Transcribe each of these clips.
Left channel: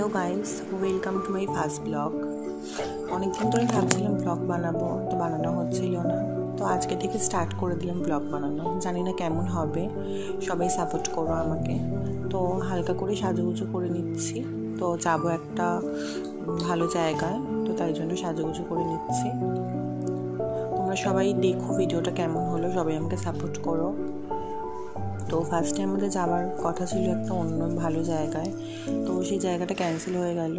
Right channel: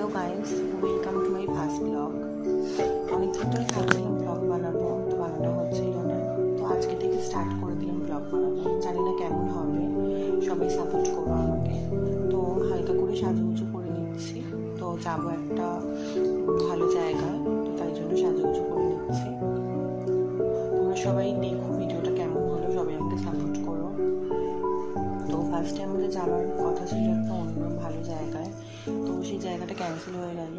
Hello guys, welcome to my first blog. অনেকদিন ধরে ভাবছিলাম ব্লগ বানাবো, তো বানানো হচ্ছিল না। তো আজকে থেকে স্টার্ট করে দিলাম ব্লগ বানানো। জানি না কেমন হবে, সবাই সাপোর্ট করো আমাকে। তো হালকা করে সাজুগুজু করে নিচ্ছি। তো যাবো একটা ভালো জায়গায়, তো তাই জন্য সাজুগুজু করে নিচ্ছি। তোমরা সবাই দেখো ভিডিওটা কেমন হলো, সবাই আমাকে সাপোর্ট করো। তো ফার্স্টে আমাদের যাওয়ার কথা ছিল একটা অন্য ভালো জায়গায়, তো সেই জায়গাটা ক্যান্সেল হয়ে গেল।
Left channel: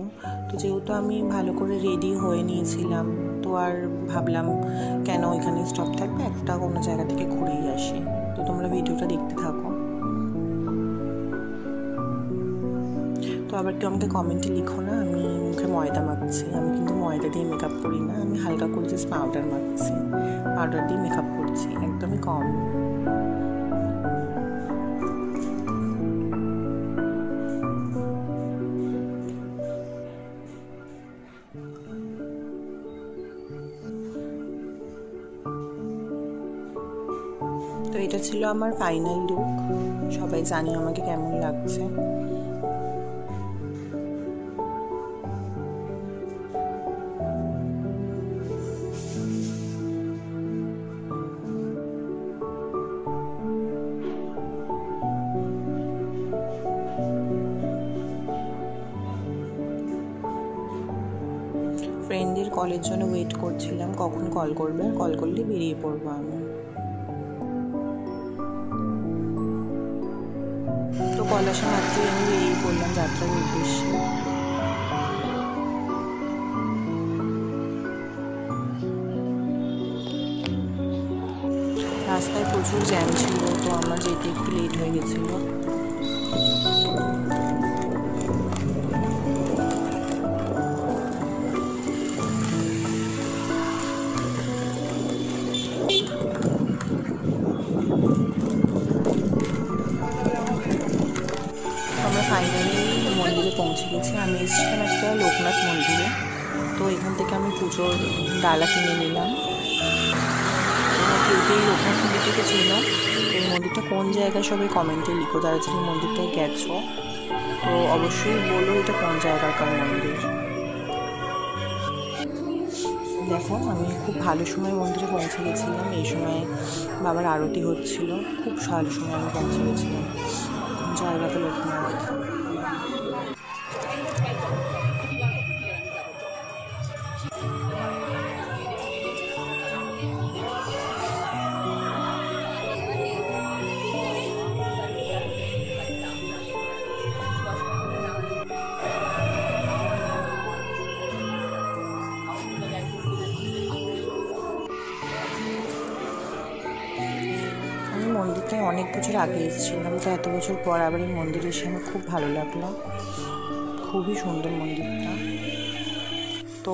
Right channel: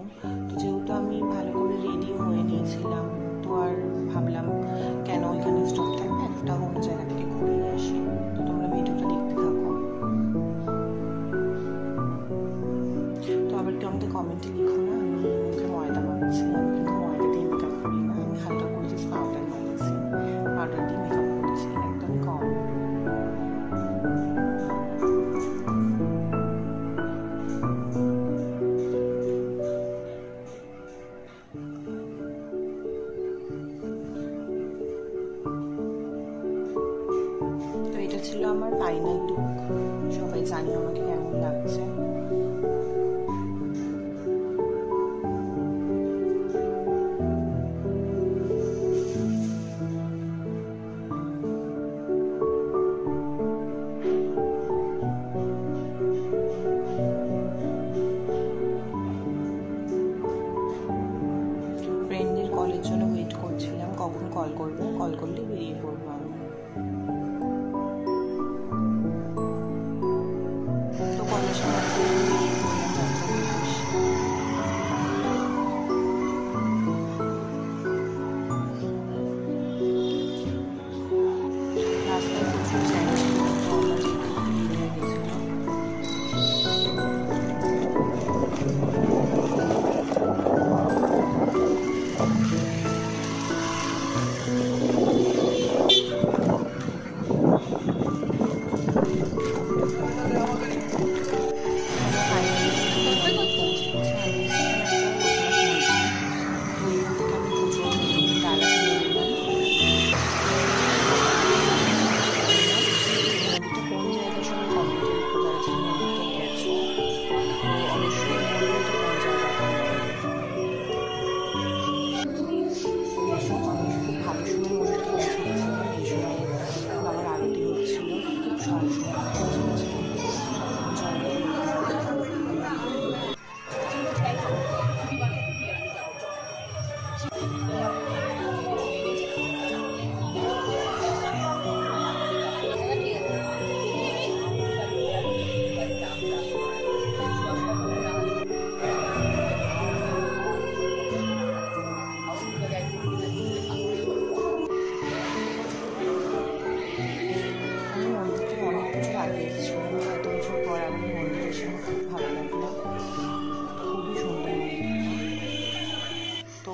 তো যেহেতু আমি ভালো করে রেডি হয়ে নিয়েছিলাম, তো আর ভাবলাম কেন ওইখানে স্টপ থাকবে, একটা কোনো জায়গা থেকে ঘুরেই আসি। তো তোমরা ভিডিওটা দেখতে থাকো। তো আবার কেউ আমাকে কমেন্টে লিখো না আমি মুখে ময়দা মাখছি। আমি কিন্তু ময়দা দিয়ে মেকআপ করি না, আমি হালকা করে জাস্ট পাউডার মাখছি, পাউডার দিয়ে মেকআপ করছি, একদমই কম। তো এটা ছিল আমার ফাইনাল লুক। সবাই জানে আমাকে কেমন লাগছে। ফ্রেন্ডদের কলের জন্য ওয়েট করছিলাম, কখন কল করবে, আর কল করলে বেরিয়ে পড়বো আমি। তো কল আসা মাত্রই আমি বেরিয়ে পড়লাম যাত্রার উদ্দেশ্যে। রাস্তায় প্রচুর জ্যাম ছিল, তো আমার যেতে একটু লেট হয়ে গেছিল। আমরা ফাইনালি মন্দিরে পৌঁছে গেছি। আমি এসেছিলাম একটা লোকনাথ মন্দিরে, তো এখান থেকে আমি পুজোর ডালা কিনে নিলাম। লোকনাথ মন্দিরে গেছিলাম। এই মন্দিরটা কোন জায়গায় সবাই কমেন্টে লিখো, যারা তুমি মন্দিরটায় গেছো। তো অবশ্যই বলো এটা কোন জায়গাকার মন্দির। দেখো আমি খুব ভালো সময় মন্দিরে পৌঁছে গেছিলাম। এই সময় বাবার আরতি হচ্ছিল, খুব ভালো সময় আমি পৌঁছে গেছিলাম। জায়গাটা লোকনাথ। আমি মন্দিরটায় অনেক বছর আগে এসেছিলাম, তো এত বছর পর আবার এই মন্দিরে এসে আমার খুব ভালো লাগলো। খুবই সুন্দর মন্দিরটা। তো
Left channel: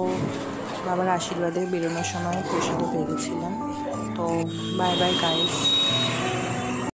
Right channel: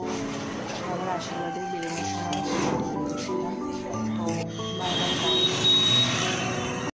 বাবার আশীর্বাদে বেরোনোর সময় প্রসাদও পেয়েছিলাম। তো বাই বাই গাইস।